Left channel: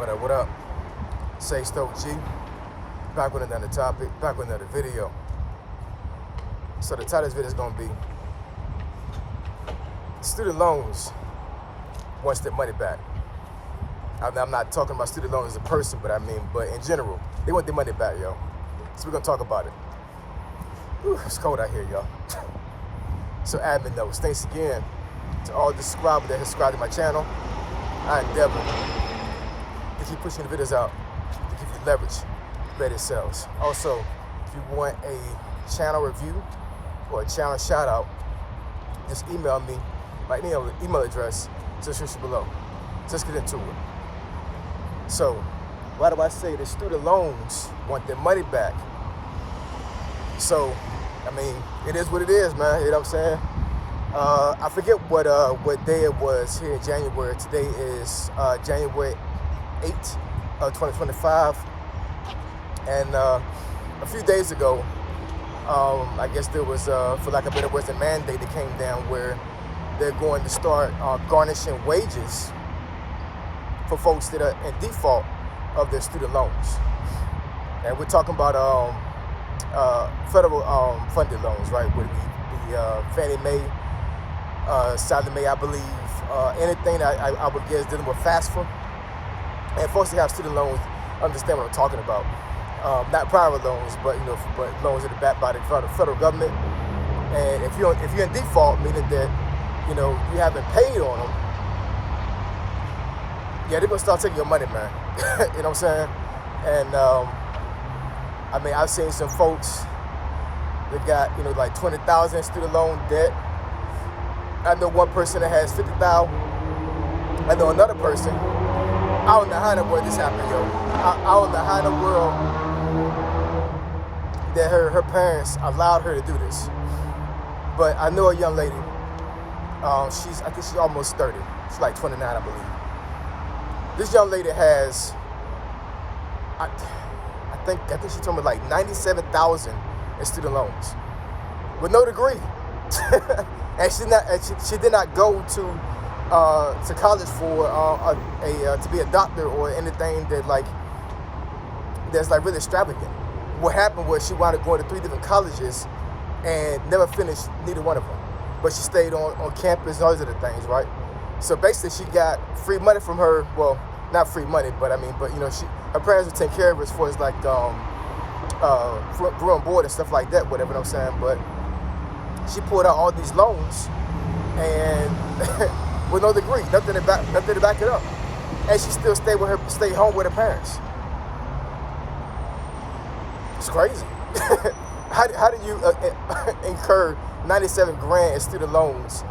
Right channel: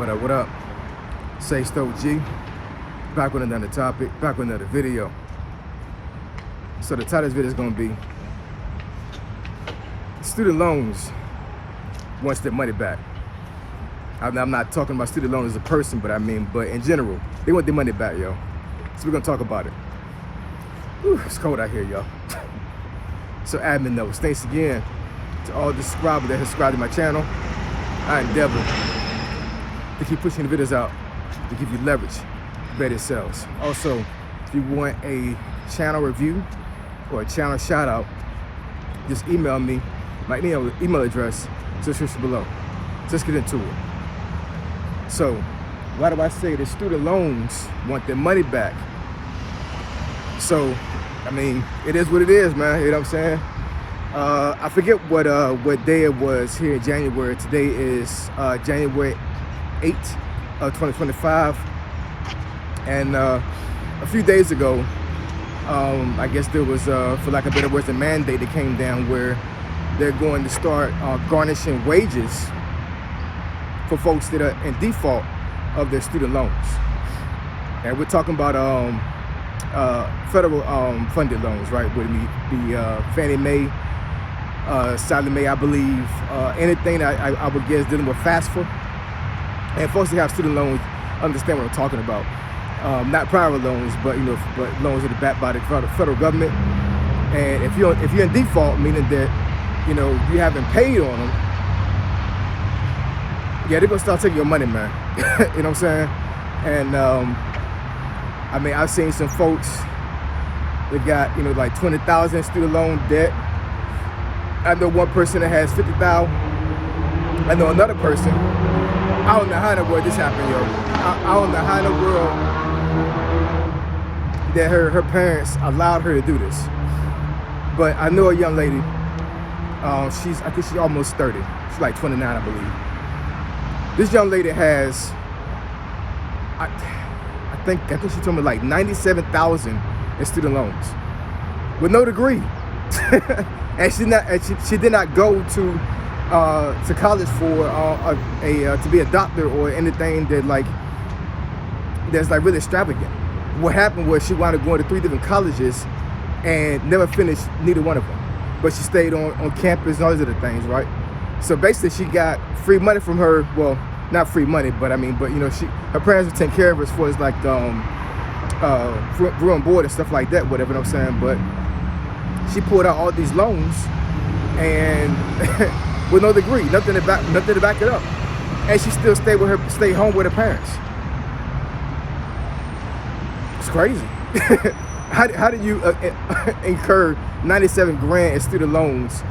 What up? Say Stoke G. Back with another topic, back with another video. So the title of this video is going to be student loans wants their money back. I'm not talking about student loans as a person, but in general, they want their money back, yo. So we're going to talk about it. Whew, it's cold out here, yo. So admin notes, thanks again to all the subscribers that have subscribed to my channel. I endeavor to keep pushing the videos out to give you leverage to better yourselves. Also, if you want a channel review or a channel shout out, just email me. My email address is in the description below. Let's get into it. So, why do I say the student loans want their money back? So, it is what it is, man. You know what I'm saying? I forget what day it was here in January. Today is January 8th of 2025. And a few days ago, I guess there was, for lack of better words, a mandate that came down where they're going to start garnishing wages for folks that are in default of their student loans. And we're talking about federal funded loans, right? Would be Fannie Mae, Sallie Mae, I believe, anything that I would guess dealing with FAFSA. And folks that have student loans understand what I'm talking about. Not private loans, but loans that are backed by the federal government. And if you're in default, meaning that you haven't paid on them, yeah, they're gonna start taking your money, man. You know what I'm saying? And I've seen some folks that got like 20,000 student loan debt. I know one person that has 50,000. I know another person. I don't know how in the world this happened, yo. I don't know how in the world that her parents allowed her to do this. But I know a young lady. I think she's almost 30. She's like 29, I believe. This young lady has, I think she told me like 97,000 in student loans with no degree. And she did not go to college for to be a doctor or anything that's really extravagant. What happened was she wound up going to 3 different colleges and never finished neither one of them. But she stayed on campus and all these other things, right? So basically she got free money from her, well, not free money, but her parents would take care of her as far as like room and board and stuff like that, whatever I'm saying. But she pulled out all these loans and with no degree, nothing to back it up. And she still stayed home with her parents. It's crazy. How do you incur 97 grand in student loans?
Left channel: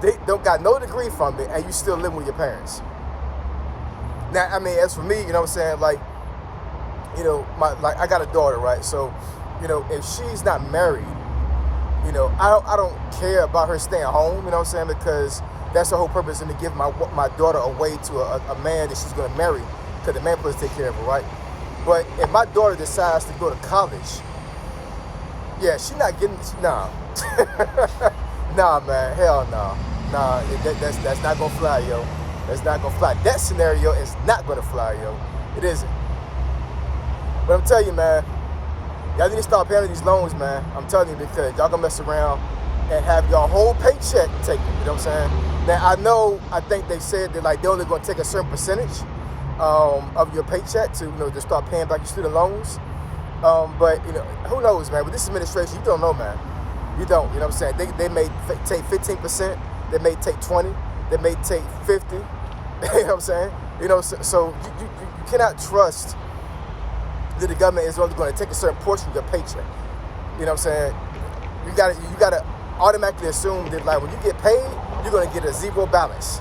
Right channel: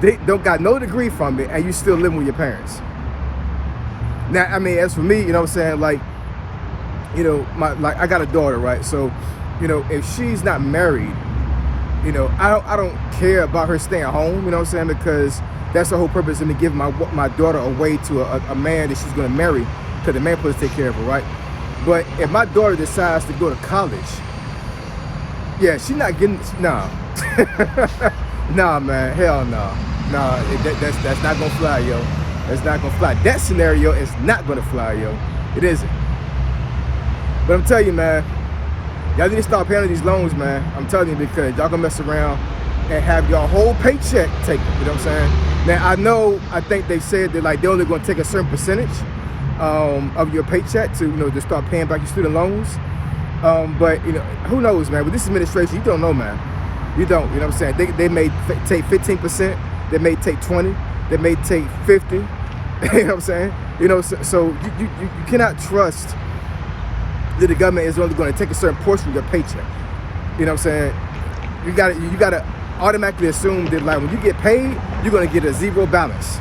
They don't got no degree from it, and you still living with your parents. Now, as for me, you know what I'm saying, I got a daughter, right? So, if she's not married, I don't care about her staying home, you know what I'm saying, because that's the whole purpose of me giving my daughter away to a man that she's gonna marry, because the man supposed to take care of her, right? But if my daughter decides to go to college, yeah, she's not getting, nah. Nah, man, hell no. Nah, that's not gonna fly, yo. That's not gonna fly. That scenario is not gonna fly, yo. It isn't. But I'm telling you, man, y'all need to start paying these loans, man. I'm telling you, because y'all gonna mess around and have your whole paycheck taken, you know what I'm saying? Now, I think they said that they're only gonna take a certain percentage of your paycheck to start paying back your student loans. But who knows, man? With this administration, you don't know, man. You don't, you know what I'm saying? They may take 15%, they may take 20, they may take 50. You know what I'm saying? So you cannot trust that the government is only going to take a certain portion of your paycheck. You know what I'm saying? You gotta automatically assume that when you get paid, you're gonna get a zero balance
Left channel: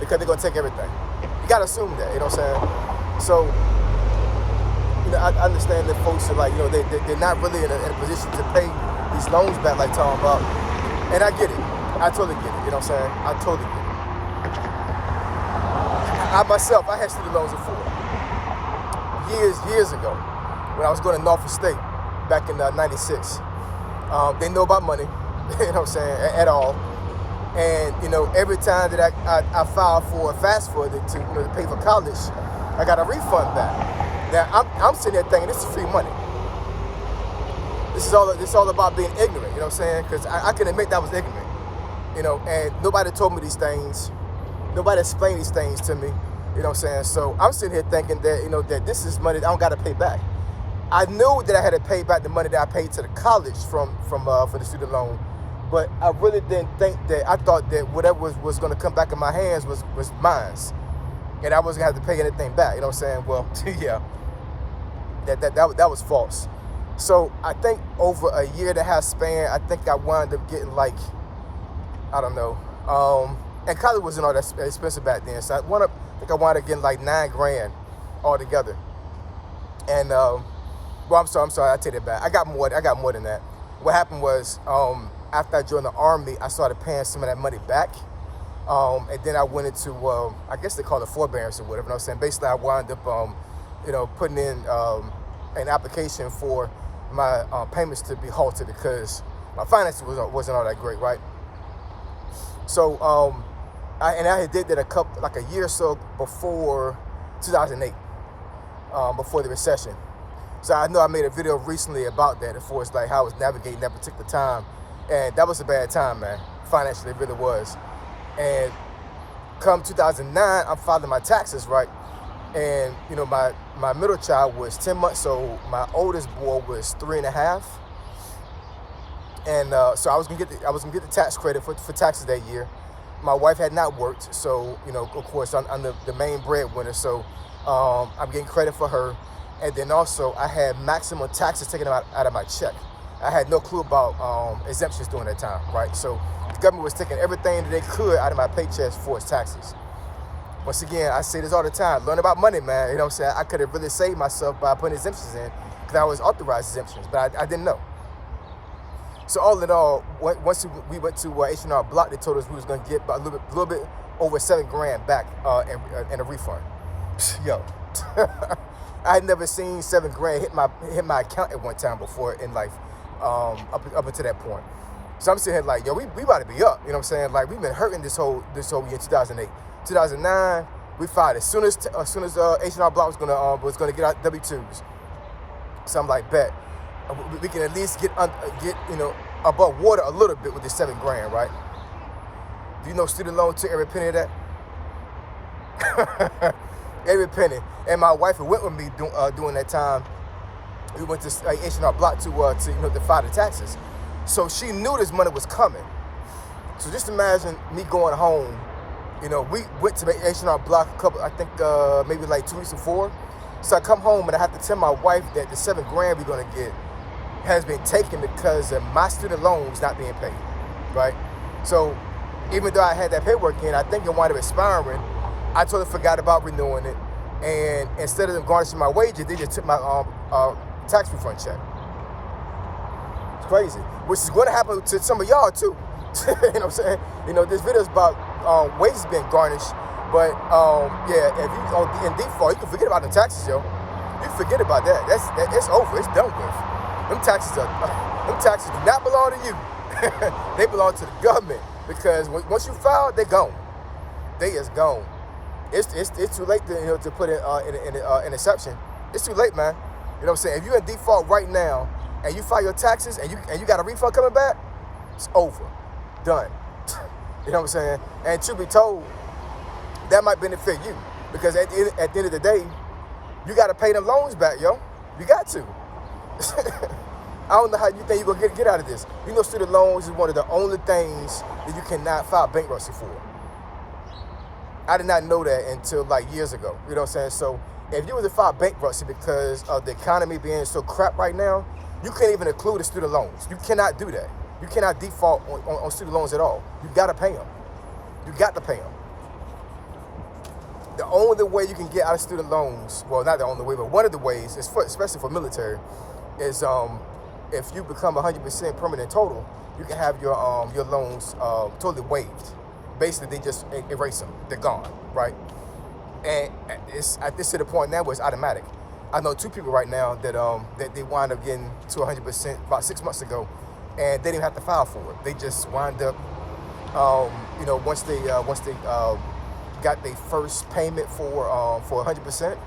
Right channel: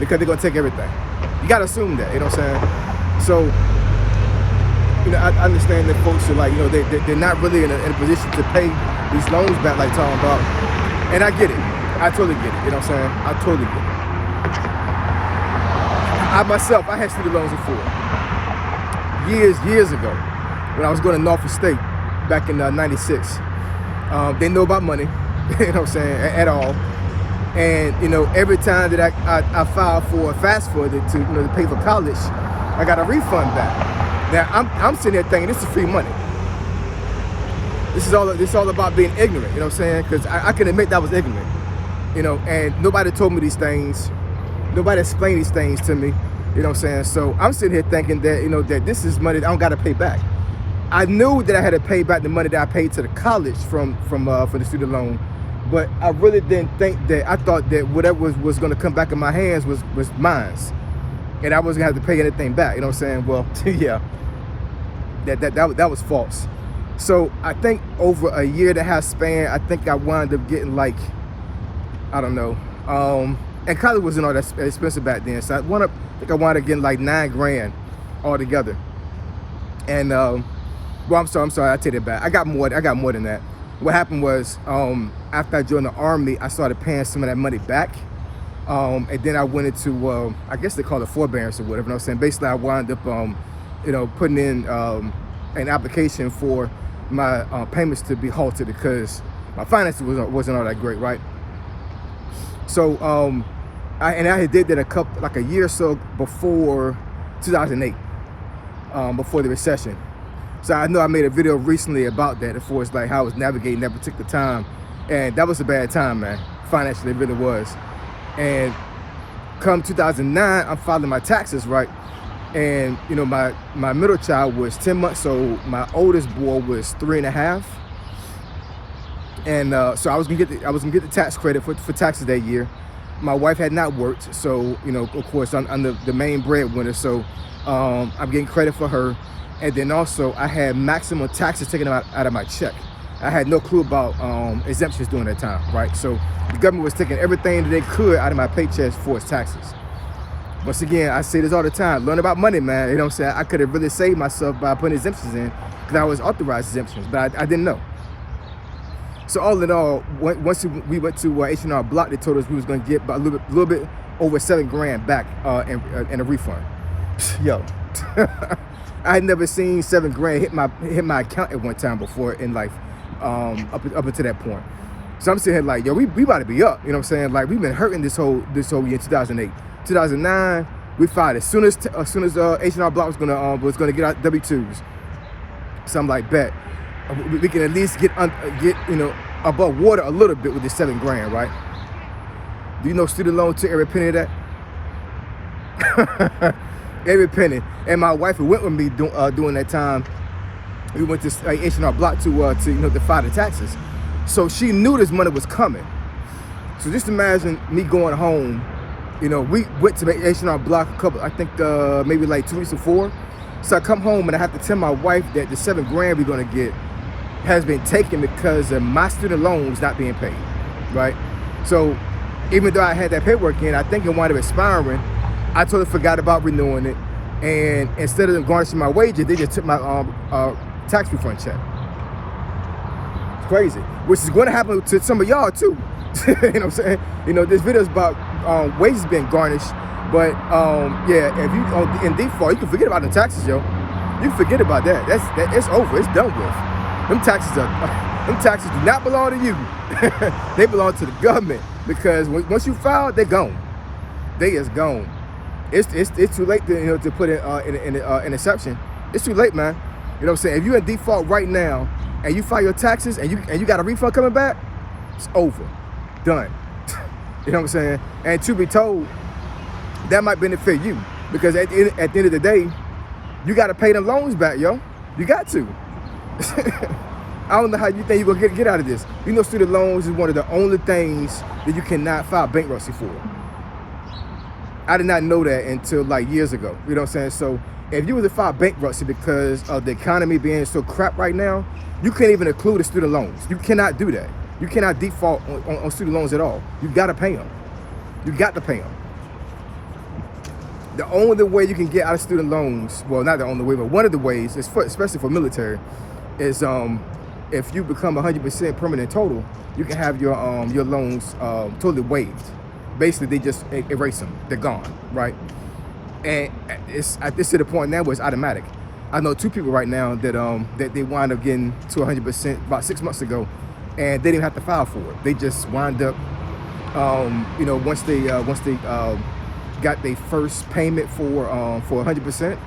because they're gonna take everything. You gotta assume that, you know what I'm saying? So, I understand that folks are they're not really in a position to pay these loans back like talking about. And I get it. I totally get it. You know what I'm saying? I totally get it. I myself, I had student loans before. Years ago, when I was going to Norfolk State back in '96. They know about money, you know what I'm saying, at all. And every time that I filed for a FAFSA to pay for college, I got a refund back. Now I'm sitting there thinking this is free money. This is all about being ignorant, you know what I'm saying? Because I can admit that I was ignorant, you know, and nobody told me these things. Nobody explained these things to me, you know what I'm saying? So I'm sitting here thinking that, you know, that this is money that I don't got to pay back. I knew that I had to pay back the money that I paid to the college for the student loan, but I really didn't think that. I thought that whatever was going to come back in my hands was mine, and I wasn't going to have to pay anything back, you know what I'm saying? Well, yeah, that was false. So I think over a year and a half span, I think I wound up getting like, I don't know, and college wasn't all that expensive back then. So I wound up getting like $9 grand altogether. And well, I'm sorry, I take it back. I got more than that. What happened was, after I joined the Army, I started paying some of that money back. And then I went into, I guess they call it forbearance or whatever. You know what I'm saying? Basically, I wound up, you know, putting in an application for my payments to be halted because my finances wasn't all that great, right? So I did that like a year or so before 2008, before the recession. So I know I made a video recently about that, as far as like how I was navigating that particular time, and that was a bad time, man. Financially, it really was. And come 2009, I'm filing my taxes, right? And you know, my middle child was 10 months, so my oldest boy was 3.5. And so I was gonna get the tax credit for taxes that year. My wife had not worked, so you know, of course, I'm the main breadwinner, so I'm getting credit for her. And then also, I had maximum taxes taken out of my check. I had no clue about exemptions during that time, right? So the government was taking everything that they could out of my paychecks for its taxes. Once again, I say this all the time, learn about money, man. You know what I'm saying? I could have really saved myself by putting exemptions in because I was authorized exemptions, but I didn't know. So all in all, once we went to H&R Block, they told us we was going to get about a little bit over $7 grand back in a refund. Yo, I had never seen $7 grand hit my account at one time before in life, up until that point. So I'm sitting here like, yo, we about to be up. You know what I'm saying? Like, we've been hurting this whole year, 2008. 2009, we filed as soon as H&R Block was gonna get out W-2s. So I'm like, bet we can at least get you know, above water a little bit with this $7 grand, right? Do you know student loan took every penny of that? Every penny. And my wife who went with me during that time, we went to H&R Block to you know, to file the taxes. So she knew this money was coming. So just imagine me going home. You know, we went to H&R Block I think maybe like 2 weeks before. So I come home and I have to tell my wife that the $7 grand we're gonna get has been taken because of my student loans not being paid, right? So even though I had that paperwork in, I think it wound up expiring. I totally forgot about renewing it, and instead of them garnishing my wages, they just took my tax refund check. It's crazy, which is going to happen to some of y'all too. You know what I'm saying? You know, this video is about wages being garnished, but yeah, if you in default, you can forget about the taxes, yo. You can forget about that. It's over. It's done with. Them taxes do not belong to you. They belong to the government, because once you file, they're gone. They is gone. It's too late to, you know, to put in an exception. It's too late, man. You know what I'm saying? If you're in default right now and you file your taxes and you got a refund coming back, it's over. Done. You know what I'm saying? And to be told, that might benefit you, because at the end of the day, you got to pay them loans back, yo. You got to. I don't know how you think you're gonna get out of this. You know, student loans is one of the only things that you cannot file bankruptcy for. I did not know that until like years ago. You know what I'm saying? So if you was to file bankruptcy because of the economy being so crap right now, you can't even include the student loans. You cannot do that. You cannot default on student loans at all. You gotta pay them. You got to pay them. The only way you can get out of student loans, well, not the only way, but one of the ways, especially for military, is if you become 100% permanent total, you can have your loans totally waived. Basically, they just erase them. They're gone, right? And it's at this to the point now where it's automatic. I know 2 people right now that they wind up getting to 100% about 6 months ago, and they didn't have to file for it. They just wind up, you know, once they got their first payment for 100%,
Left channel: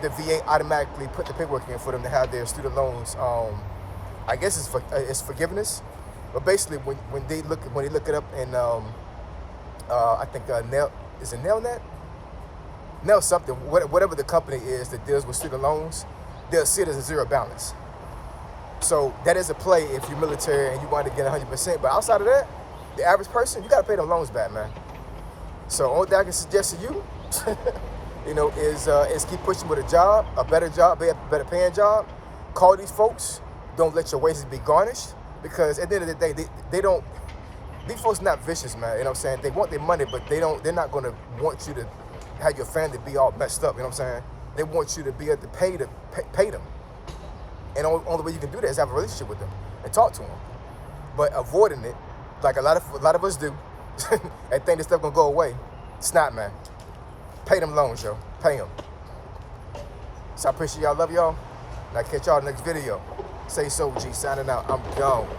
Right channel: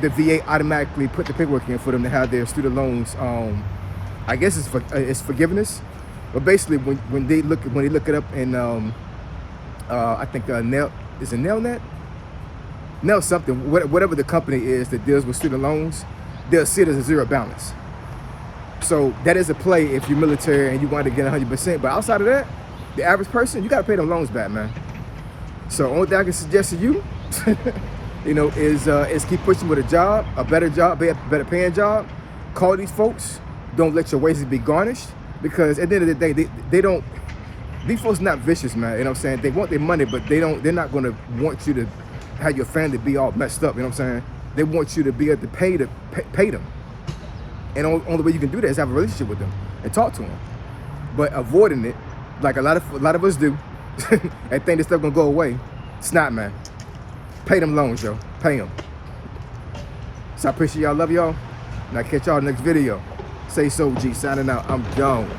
the VA automatically put the paperwork in for them to have their student loans. I guess it's forgiveness, but basically when they look it up in I think Nelnet, Nell something, whatever the company is that deals with student loans, they'll see it as a zero balance. So that is a play if you're military and you want to get 100%. But outside of that, the average person, you got to pay them loans back, man. So only thing I can suggest to you, is keep pushing with a job, a better better paying job. Call these folks. Don't let your wages be garnished, because at the end of the day, they don't. These folks not vicious, man. You know what I'm saying? They want their money, but they're not going to want you to have your family be all messed up. You know what I'm saying? They want you to be able to pay them. And the only way you can do that is have a relationship with them and talk to them. But avoiding it, like a lot of us do, and think this stuff gonna go away, it's not, man. Pay them loans, yo. Pay them. So I appreciate y'all. Love y'all. And I'll catch y'all in the next video. Say so, G. Signing out. I'm gone.